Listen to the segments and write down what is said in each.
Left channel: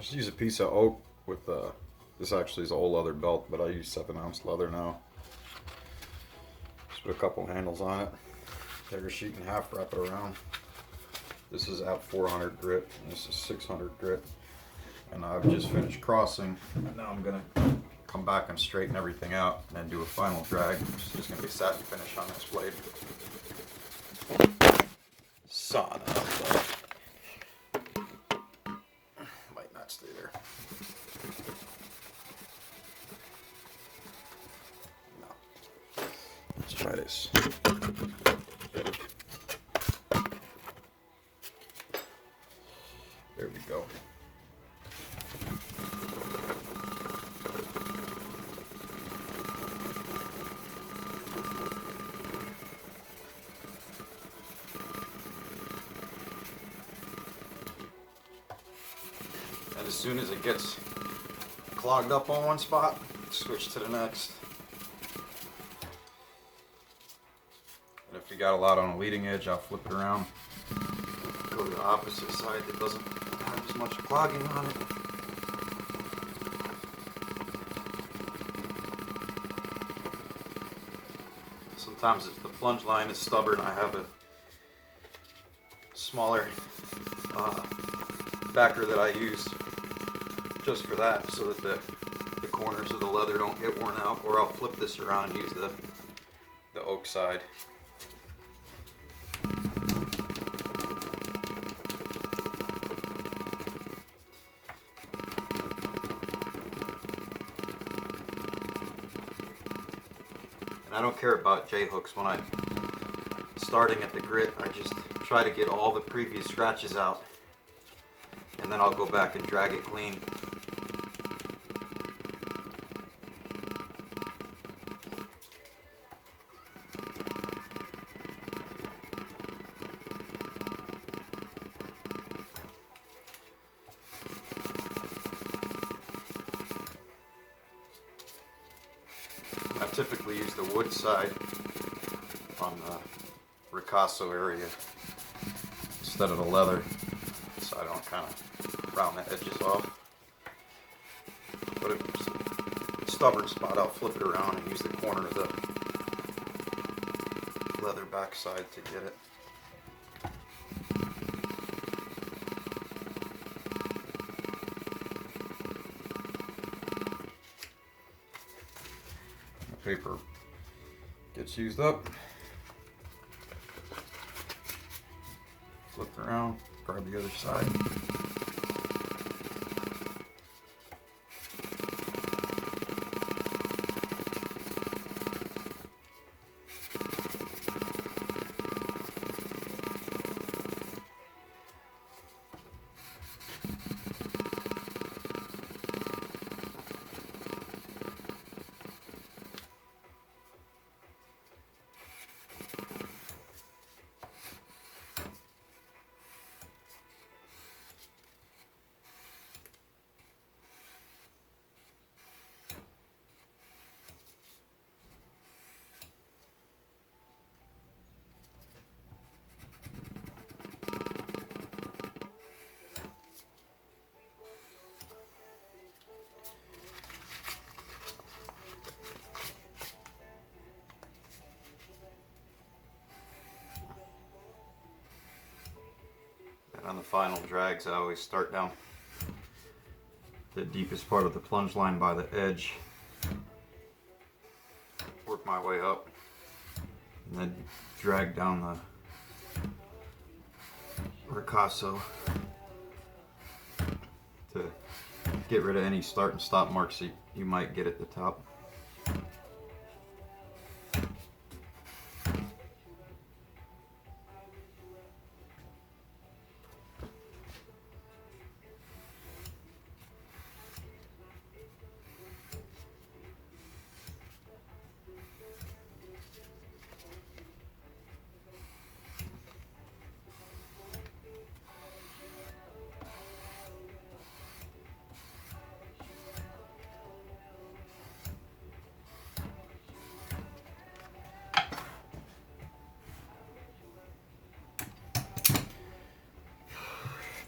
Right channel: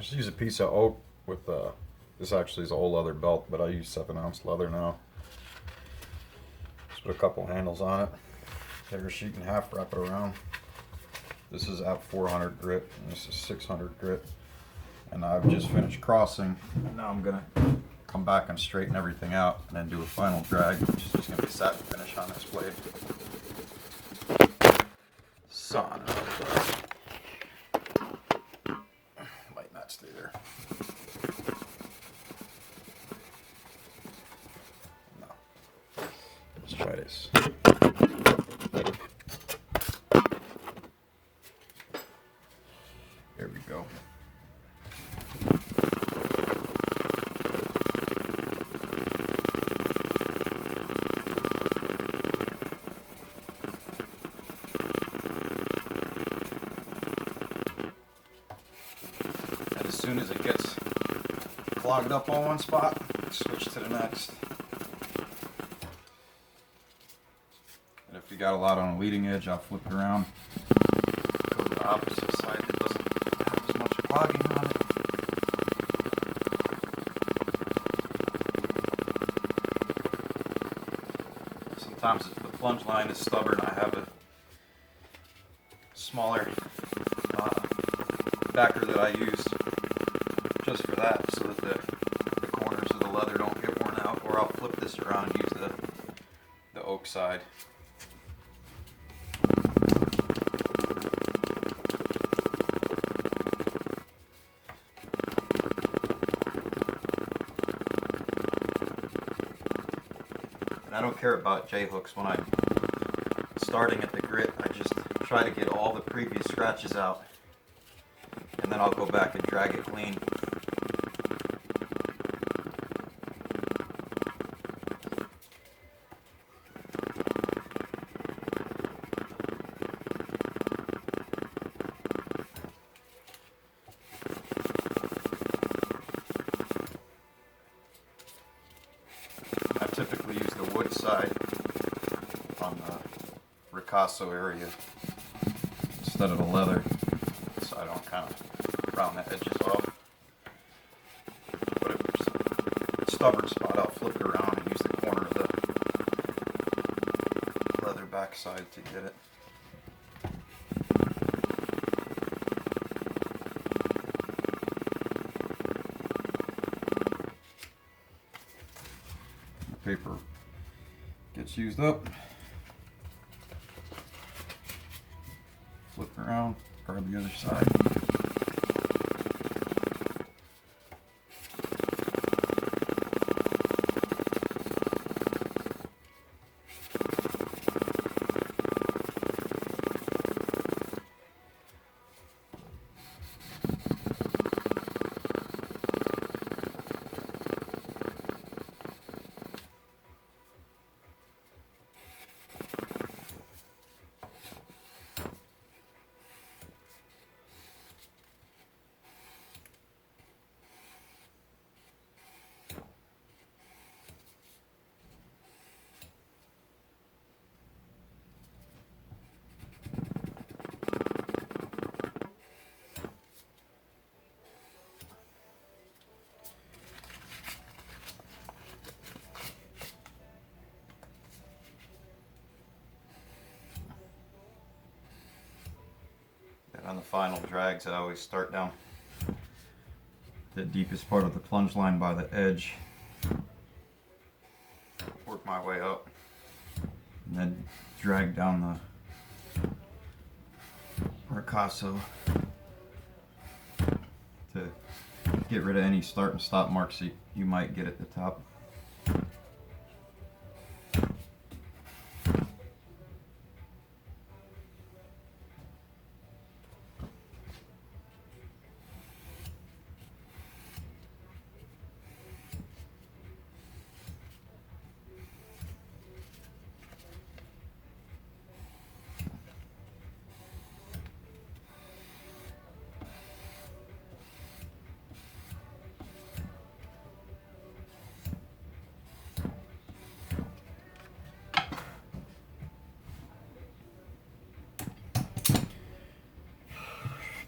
Just use a piece of oak with this actually is a whole leather belt, but I use 7-ounce leather now. Just put a couple handles on it. Tear a sheet in half, wrap it around. This is at 400 grit, and this is 600 grit. And I've just finished crossing, and now I'm gonna come back and straighten everything out, and then do a final drag, which is just gonna be a satin finish on this blade. Son of might not stay there. No. Let's try this. There we go. And as soon as it gets clogged up on one spot, switch to the next. And if you got a lot on a leading edge, I'll flip it around, go to the opposite side that doesn't have as much clogging on it. Sometimes if the plunge line is stubborn, I have a smaller backer that I use just for that, so that the corners of the leather don't get worn out, or I'll flip this around and use the oak side. And I don't care about J-hooks. When I'm starting at the grit, I just try to get all the previous scratches out, and then I'll go back and drag it clean. I typically use the wood side on the ricasso area instead of the leather, so I don't kind of round the edges off. But if it's a stubborn spot, I'll flip it around and use the corner of the leather backside to get it. The paper gets used up. Flip around, grab the other side. On the final drags, I always start down the deepest part of the plunge line by the edge, work my way up, and then drag down the ricasso to get rid of any start and stop marks that you might get at the top.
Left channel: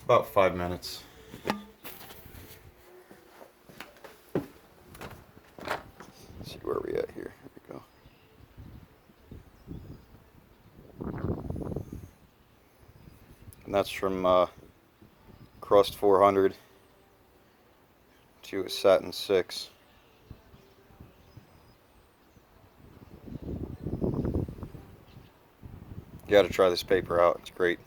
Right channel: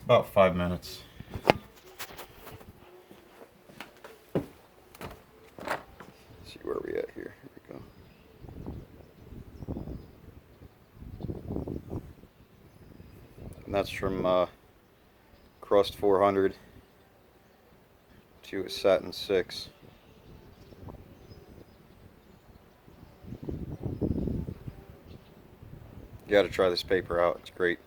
About 5 minutes. where are we at here? Here we go. And that's from crust 400 to a satin 6. You got to try this paper out. It's great.